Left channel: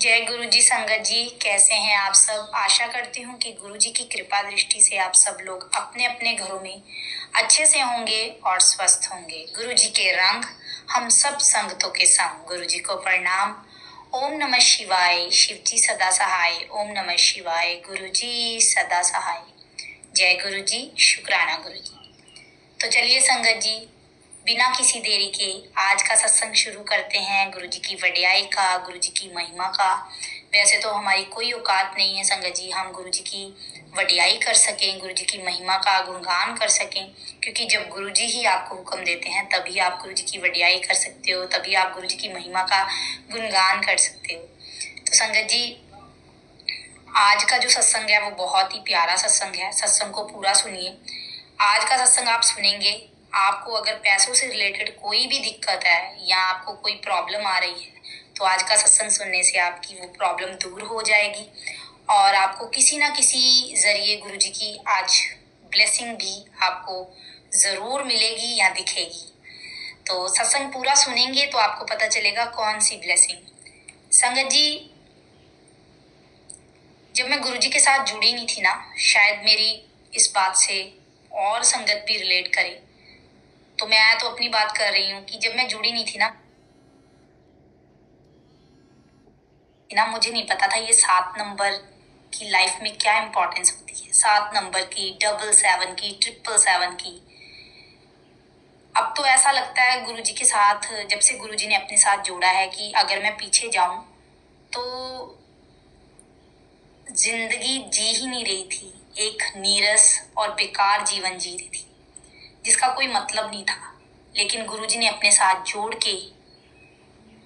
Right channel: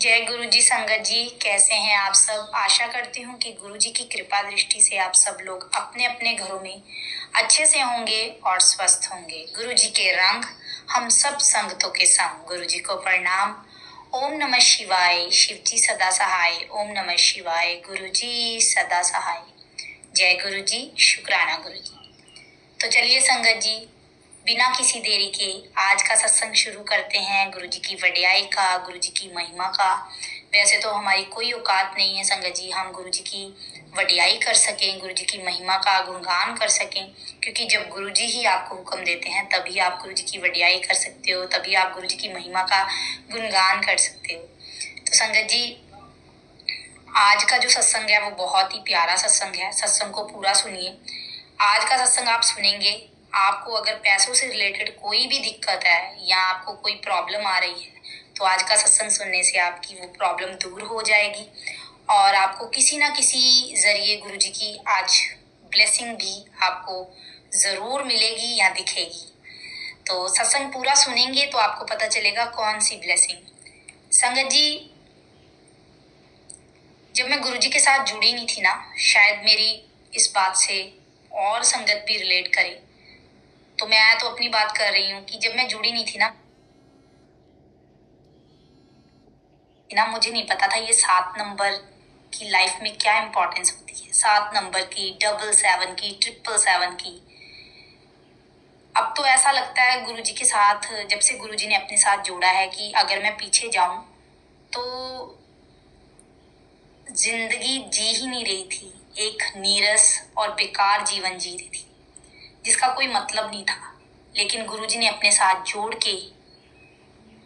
जय गुरु जी। संगत जी, कैसे हैं आप सब। आशा करती हूँ कि गुरु जी की कृपा दृष्टि से आप सब लोग अपने अपने घरों में अच्छे से होंगे और स्वस्थ होंगे। गुरु जी के रंग हम सब संगतों के संग। गुरु जी को प्रणाम। ओम नमः शिवाय। शिव जी सदा सहाय। ओम नमः शिवाय। गुरु जी सदा सहाय। जय गुरु जी। शुक्राना गुरु जी। तो चलिए संगत जी, बिना किसी देरी के आज का सत्संग शुरू करते हैं। गुरु जी की वड्याई का, गुरु जी की महिमा का। वैसे तो हमारी कोई औकात नहीं है संगत जी, हम गुरु जी की वड्याई कर सकें, गुरु जी की महिमा का गुणगान कर सकें, क्योंकि जब गुरु जी ही आपको हुक्म देते हैं तभी आप गुरु जी की वड्याई कर सकते हो, तभी आप गुरु जी की महिमा का गुणगान कर सकते हो। तो संगत जी, आज का जो सत्संग है वो बहुत ही प्यारा सत्संग है। सत्संग को पूरा सुनिए। आज का सत्संग आप सुनेंगे, आपको अगर पैसों से रिलेटेड कोई भी दिक्कत है या आपको कोई प्रॉब्लम आ रही है तो आज का सत्संग सुनने से आपकी वो प्रॉब्लम दूर हो जाएगी और आपको किसी ना किसी जरिए गुरु जी की आज ब्लेसिंग भी आपको जरूर मिलेगी या दिखेगी। तो सत्संग पूरा सुनेंगे तो आपको पता चलेगा कौन सी ब्लेसिंग। संगत जी, जब मैं गुरु जी के साथ जुड़ी नहीं थी ना, शायद मेरी इस बात से और संगत भी रिलेट करे, तो मैं तो अपनी बात कर रही हूँ कि जब मैं जुड़ी नहीं थी ना, मुझे नहीं पता था ये 7 नंबर की लाइफ में क्या इंपॉर्टेंस होती है। 7 नंबर की, 777 की, 777 की। अब तो ऐसा लगता है गुरु जी के साथ, जब से गुरु जी ने अपने साथ जोड़ा है, कि अगर मैं पीछे जाऊं तो जिंदगी जी ही नहीं रही थी, एक नीरस और बेकार जीवन जी रही थी जिसका कोई मतलब नहीं था। लेकिन गुरुजी ने अपने साथ जोड़ के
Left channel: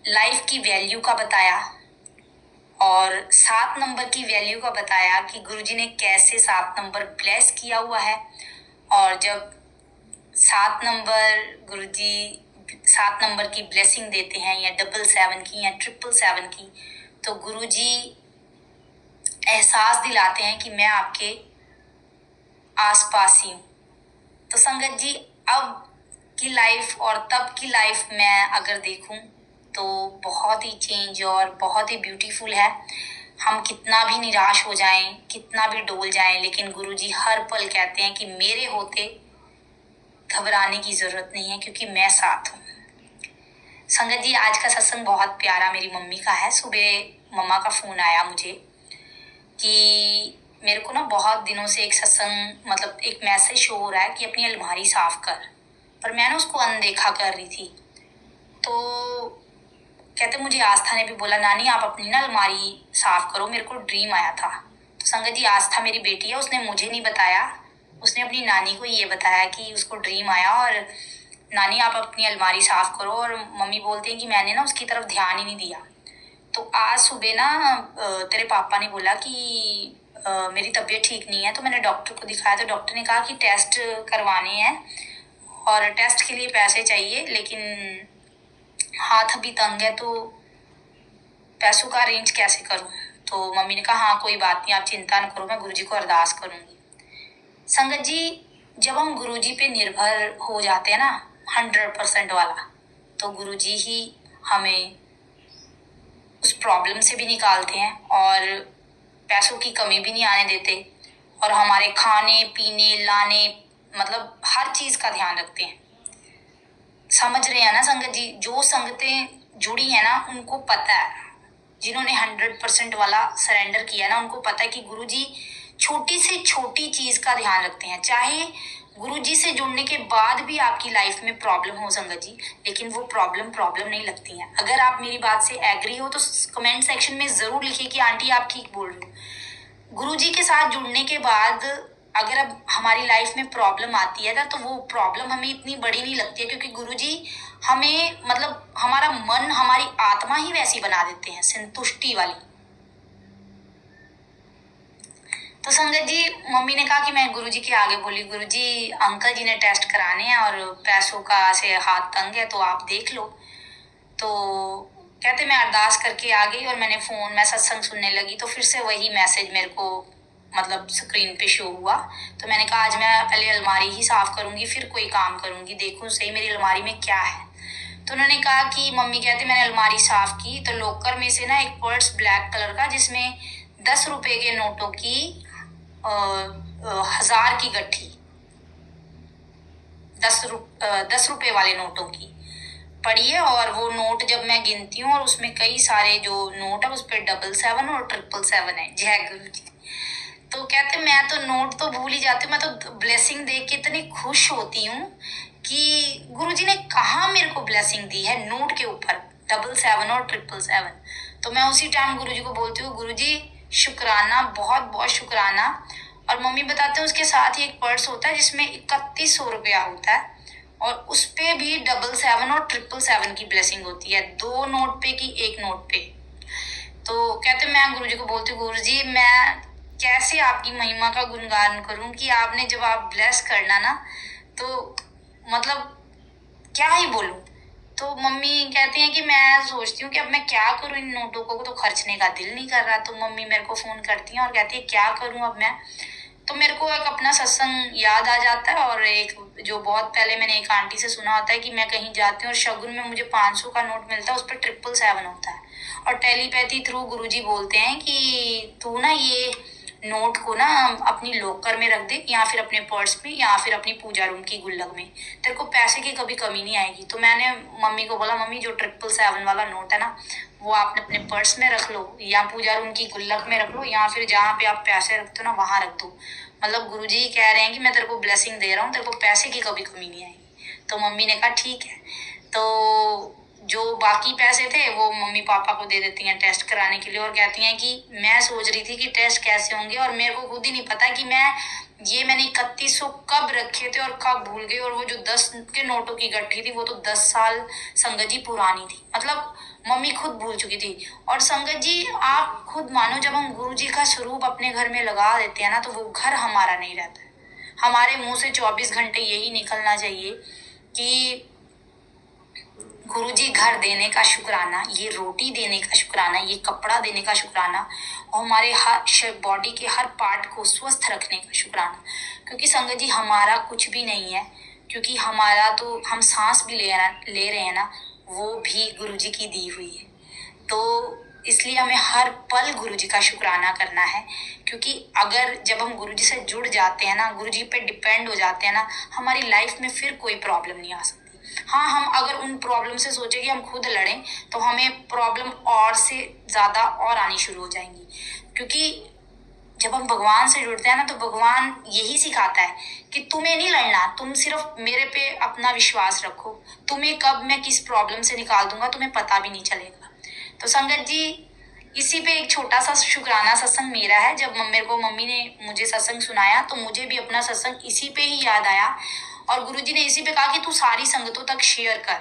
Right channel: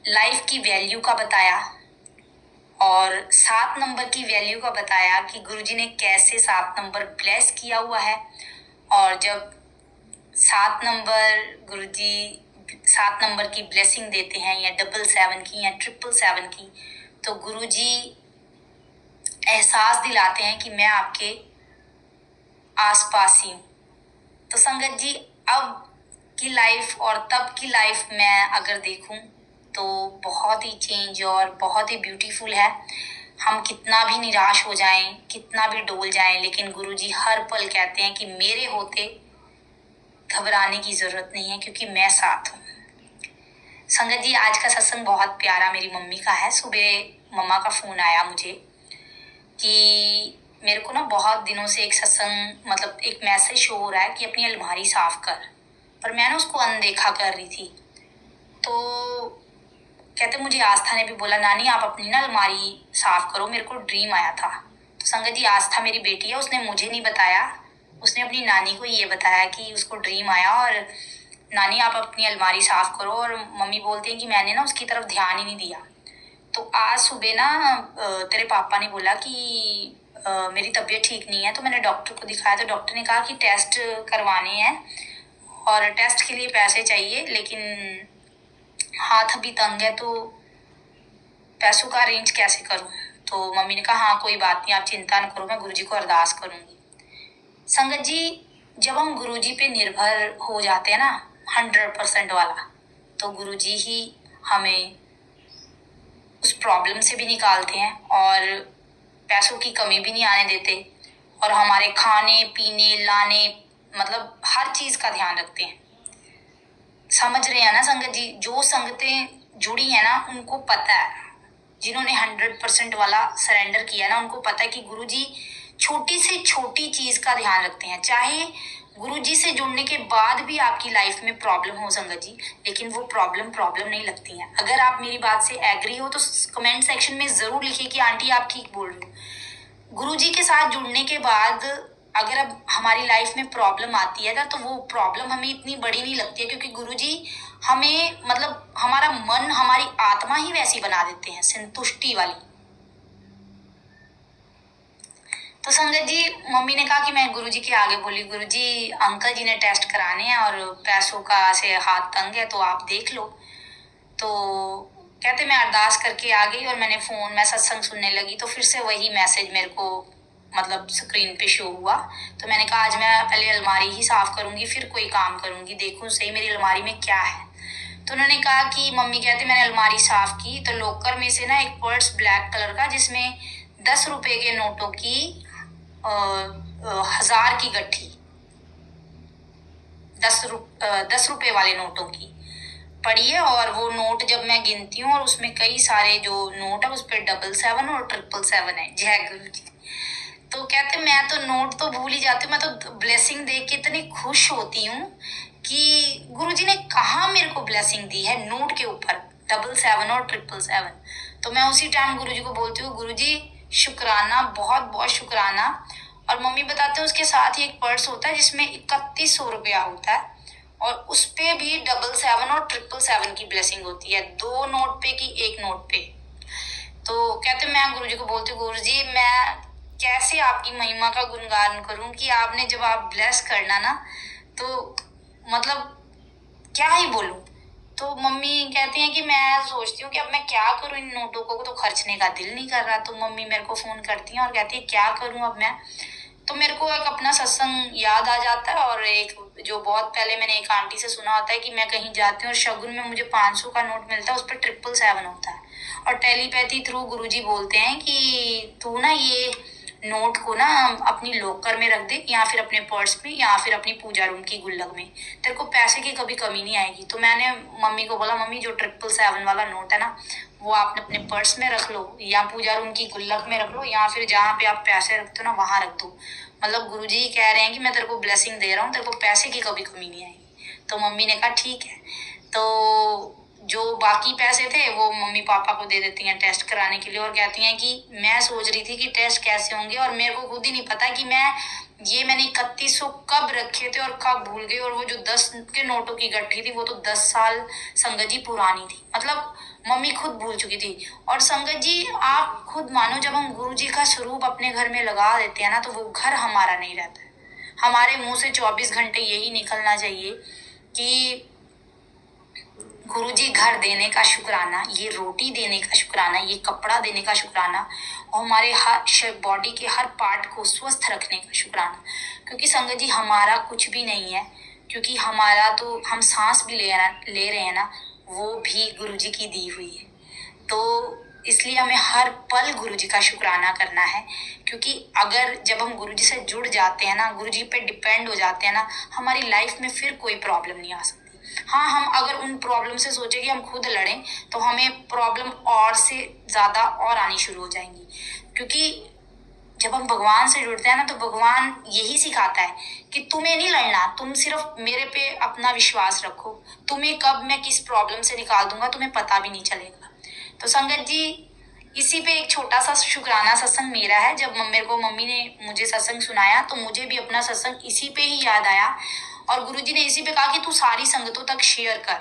लाइफ की वैल्यू का बताया और 7 नंबर की वैल्यू का बताया कि गुरुजी ने कैसे 7 नंबर ब्लेस किया हुआ है। और जब 7 नंबर गुरुजी 7 नंबर की ब्लेसिंग देते हैं, या 777 की या 777 की, तो गुरुजी एहसास दिलाते हैं कि मैं आपके आसपास ही हूँ। तो संगत जी, अब की लाइफ और तब की लाइफ मैं अगर देखूं तो बहुत ही चेंज और बहुत ही ब्यूटीफुल है। हम कितना भी निराश हो जाएं, कितना भी डोल जाएं, लेकिन गुरुजी हर पल कहते हैं कि मेरे होते घबराने की जरूरत नहीं है, क्योंकि मैं साथ हूँ। संगत जी, आज का सत्संग बहुत प्यारा मेरी मम्मी का है। सुबह मम्मा का फोन आया मुझे कि मेरे को ना बहुत दिनों से एक सत्संग, मतलब एक मैसेज शो हो रहा है कि अपनी अलमारी साफ कर, पर मैं ना उसको अनदेखा कर रही थी। तो कहते, मुझे आस्था ने भी बोला, नानी आप अपनी ना अलमारी साफ करो, मेरे को ड्रीम आया था। तो संगत जी, आस्था मेरी बेटी है, उसने मुझे नहीं बताया, उसने अपनी नानी को ये बताया कि उसको ड्रीम आया और नानी आप अपनी अलमारी साफ करो। और मम्मी बोलते हैं कि मैंने ना उसकी तरफ ध्यान ही नहीं दिया। तो आज सुबह ना तेरे पापा ने बोला कि मेरी तबीयत ठीक नहीं है, तो मैंने डॉक्टर को दिखाया। तो डॉक्टर ने कहा कि टेस्ट करवाने हैं और टेस्ट के लिए पैसे चाहिए, लेकिन हाथ अभी तंग है, तो पैसों का अरेंज कैसे करूं। तो मम्मी ने कहा हाँ कोई बात नहीं, आप चिंता न करो, मैं गुरुजी को अरदास करूंगी। संगत जी, जब हम गुरुजी पे निर्भर हो जाते हैं ना 100% वाला, तो गुरुजी ही हमें उस प्रॉब्लम से भी निकालते हैं और पैसों की कमी भी नहीं आने देते, और हमारे खाने पीने लाने, मतलब हर चीज का ध्यान रखते हैं। समझ रहे हैं ना संगत जी। जो संगतें जुड़ी है ना, उनको पता है, जिन्होंने 100% वाला सरेंडर किया ना, उनको पता है कि गुरुजी छोटी से छोटी चीज का ध्यान रखते हैं। चाहे गुरुजी से जुड़ने के बाद भी आपकी लाइफ में प्रॉब्लम हो संगत जी, लेकिन वो प्रॉब्लम नहीं लगती है। अगर आप मेरी बात से एग्री हो तो कमेंट सेक्शन में जरूर लिखिए कि आंटी आप ठीक बोल रही हो। गुरुजी के साथ जुड़ने के बाद अगर अब हमारी लाइफ में प्रॉब्लम आती है ना, तो वो प्रॉब्लम हमें इतनी बड़ी नहीं लगती है, क्योंकि गुरुजी हमें, मतलब हमारा मन, हमारी आत्मा ही वैसी बना देते हैं, संतुष्टि वाली। तो संगत जी, मम्मी ने कहा कि मैं गुरुजी के आगे बोली, गुरुजी अंकल जी ने टेस्ट कराने हैं और पैसों का से हाथ तंग है, तो आप देख लो। तो कहते, मैं अरदास करके आ गई और मैं सत्संग सुनने लगी, तो फिर से वही मैसेज मेरे को, मतलब स्क्रीन पे शो हुआ। तो मैंने कहा आज मैं पहले अलमारी ही साफ करूंगी, फिर कोई काम करूंगी, देखूं सही मेरी अलमारी में क्या है। तो उन्होंने कहा कि मम्मी कहते मैंने अलमारी साफ की तो लॉकर में से ना एक पर्स ब्लैक कलर का जिसमें 10 रुपए के नोटों की 1000 की गट्ठी, 10 रुपए वाले नोटों की पड़ी है। और वो नोट जब मैं गिनती हूँ और उसमें कई सारे जो नोट है उस पर 777 और 777 है। जय गुरु जी। तो कहते मैं तो नोट तो भूल ही जाती हूँ, मैं तो ब्लेसिंग देख के इतनी खुश होती हूँ कि गुरुजी ने कहाँ मेरे को ब्लेसिंग दी है नोट के ऊपर 777 और 777। तो मैं उसी टाइम गुरुजी को बोलती हूँ गुरुजी शुक्राना, बहुत बहुत शुक्राना। और मम्मी बताते हैं उसके साथ ही एक पर्स होता है जिसमें 3100 रुपया होता है और उस पे भी 777 और 777 की ब्लेसिंग होती है, 2 नोट पे की 1 नोट पे। तो कहते मैं गुरुजी को बोलती हूँ गुरुजी मैं कैसे आपकी महिमा का गुणगान करूं कि आपने जब आप ब्लेस करना ना तो मतलब क्या ही बोलूं। तो मम्मी कहती हैं कि मैं सोचती हूँ कि अब मैं क्या करूं, इन नोटों को तो खर्चने का दिल नहीं कर रहा। तो मम्मी मेरे को फोन करती हैं और कहती है क्या करूं अब मैं। तो मेरे को एक अपना सत्संग याद आ जाता है और एक जो बहुत पहले मैंने एक आंटी से सुना होता है कि मैं कहीं जाती हूँ और शगुन में मुझे 500 का नोट मिलता है, उस पर 777 होता है और टेलीपैथी थ्रू गुरुजी बोलते हैं कि तू ना ये नोट को ना अपनी लॉकर में रख दे या फिर अपने पर्स में या फिर अपनी पूजा रूम की गुल्लक में, तेरे को पैसे की कभी कमी नहीं आएगी। तो मैंने मम्मी को बोला मम्मी जो 777 वाला नोट है ना वो आप अपने पर्स में रख लो या पूजा रूम की गुल्लक में रख लो या फिर जहाँ पे आप पैसे रखते हो ना वहां रख दो। मतलब गुरुजी कह रहे हैं कि मैं तेरे को ब्लेसिंग दे रहा हूँ, तेरे को पैसे की कभी कमी नहीं आएगी। तो मम्मी ने कहा ठीक है। तो जो बाकी पैसे थे वो मम्मी पापा को दे देती हैं टेस्ट कराने के लिए और कहती हैं कि मैं सोच रही थी कि टेस्ट कैसे होंगे और मेरे को खुद ही नहीं पता कि मैंने 3100 कब रखे थे और कब भूल गई। और वो जो 10 के नोटों की गट्ठी थी वो तो 10 साल संगत जी पुरानी थी, मतलब मम्मी खुद भूल चुकी थी। और संगत जी आप खुद मानो जब हम गुरु जी का स्वरूप अपने घर में लगा देते हैं ना तो वो घर हमारा नहीं रहता है। हमारे मुंह से 24 घंटे यही निकलना चाहिए कि गुरुजी घर देने का शुक्राना, ये रोटी देने का शुक्राना, ये कपड़ा देने का शुक्राना और हमारे हर बॉडी के हर पार्ट को स्वस्थ रखने का शुक्राना। क्योंकि संगत जी हमारा कुछ भी नहीं है, क्योंकि हमारा तो हम सांस भी ले रहे हैं ना वो भी गुरुजी की दी हुई है। तो इसलिए हमें हर पल गुरुजी का शुक्राना करना है। क्योंकि अगर जब हम गुरुजी से जुड़ जाते हैं ना, गुरुजी पे डिपेंड हो जाते हैं ना, हमारी लाइफ में फिर कोई प्रॉब्लम नहीं आ सकती। हाँ हम अगर उन प्रॉब्लम से सोचे कि हम खुद लड़ें तो हमें प्रॉब्लम और से ज्यादा और आनी शुरू हो जाएंगी। क्योंकि जब हम भगवान से जुड़ते हैं ना तो भगवान यही सिखाता है कि तुम्हें नहीं लड़ना, तुम सिर्फ मेरे पे अपना विश्वास रखो, तुम्हें कब मैं किस प्रॉब्लम से निकाल दूंगा तुम्हें पता भी नहीं चलेगा। तो संगत जी इसी पे एक छोटा सा शुक्राना सत्संग मेरा है। जब मम्मी ने मुझे सत्संग सुनाया तो मुझे भी अपना सत्संग इसी पे ही याद आया और गुरुजी ने इसी पे कहा कि तू सारी संगतों तक शेयर कर।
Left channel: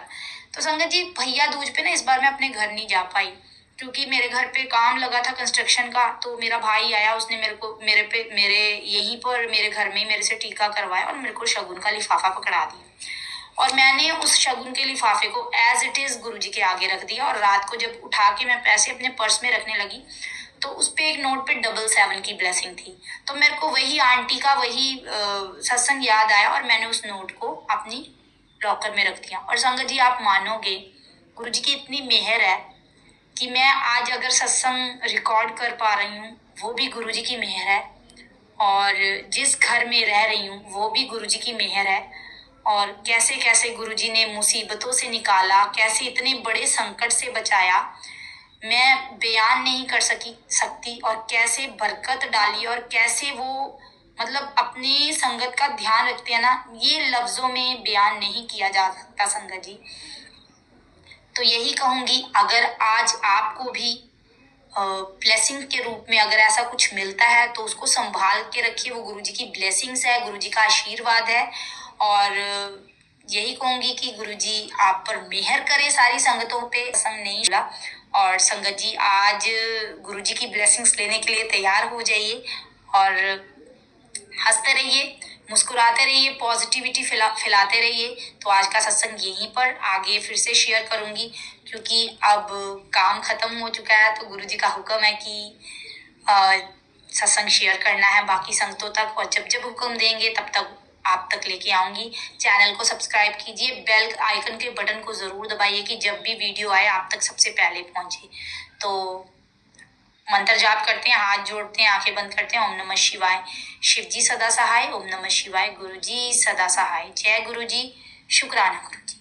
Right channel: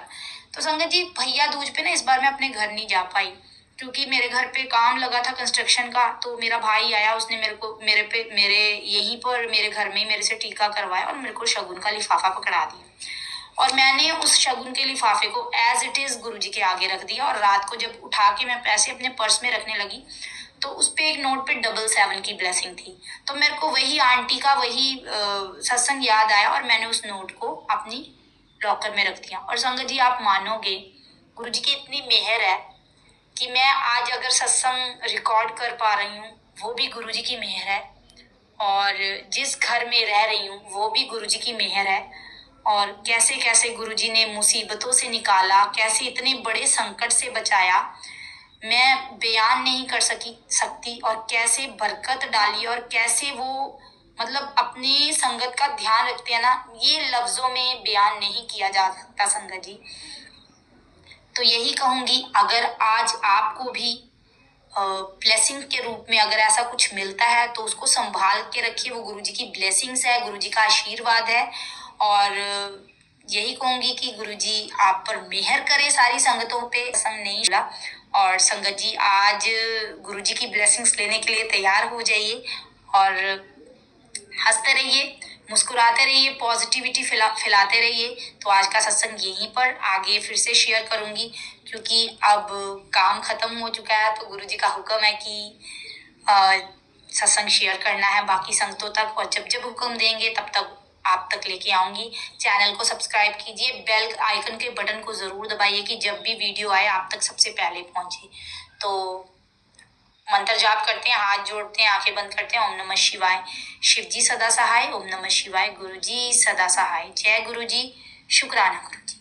तो संगत जी भैया दूज पे ना इस बार मैं अपने घर नहीं जा पाई क्योंकि मेरे घर पे काम लगा था कंस्ट्रक्शन का। तो मेरा भाई आया, उसने मेरे यहीं पर मेरे घर में ही मेरे से टीका करवाया और मेरे को शगुन का लिफाफा पकड़ा दिया और मैंने उस शगुन के लिफाफे को एज इट इज गुरुजी के आगे रख दिया। और रात को जब उठा के मैं पैसे अपने पर्स में रखने लगी तो उस पे एक नोट पे 777 की ब्लेसिंग थी। तो मेरे को वही आंटी का वही सत्संग याद आया और मैंने उस नोट को अपनी लॉकर में रख दिया। और संगत जी आप मानोगे गुरुजी की इतनी मेहर है कि मैं आज अगर सत्संग रिकॉर्ड कर पा रही हूँ वो भी गुरुजी की मेहर है और जिस घर में रह रही हूँ वो भी गुरुजी की मेहर है। और कैसे कैसे गुरुजी ने मुसीबतों से निकाला, कैसे इतने बड़े संकट से बचाया, मैं बयान नहीं कर सकती। और कैसे बरकत डाली और कैसे वो मतलब अपनी संगत का ध्यान रखते हैं ना, ये लफ्जों में बयान नहीं किया जा सकता संगत जी। तो यही कहूंगी अगर आज आपको भी ब्लेसिंग के रूप में अगर ऐसा कुछ मिलता है तो उसको संभाल के रखिए, वो गुरुजी की ब्लेसिंग्स है, गुरुजी का आशीर्वाद है। और यही कहूंगी कि गुरुजी आप पर मेहर करे सारी संगतों पे। संग नहीं मिला और संगत जी आज गुरुजी की ब्लेसिंग्स लेने के लिए तैयार हो जाइए और हंसते रहिए, मुस्कुराते रहिए, पॉजिटिविटी फैलाते रहिए। तो आज का सत्संग यहीं पर आगे फिर से शेयर करूंगी क्योंकि अब काम खत्म हो चुका है। तो गुरुजी का हुक्म है कि सत्संग शेयर करना है बाकी संगतों तक और जब जब हुक्म देंगे तब तक आप तक लेके आऊंगी। चैनल को सब्सक्राइब कीजिए, बेल आइकन के बटन को जरूर दबाइए कि जब भी वीडियो आए आप तक सबसे पहले पहुंचे। तो मंत्र जाप करते हैं, हाथ जोड़ते हैं, आंखें बंद करते हैं। ओम नमः शिवाय। शिव जी सदा सहाय। ओम नमः शिवाय। गुरु जी सदा सहाय। जय गुरु जी। शुक्राना गुरु जी।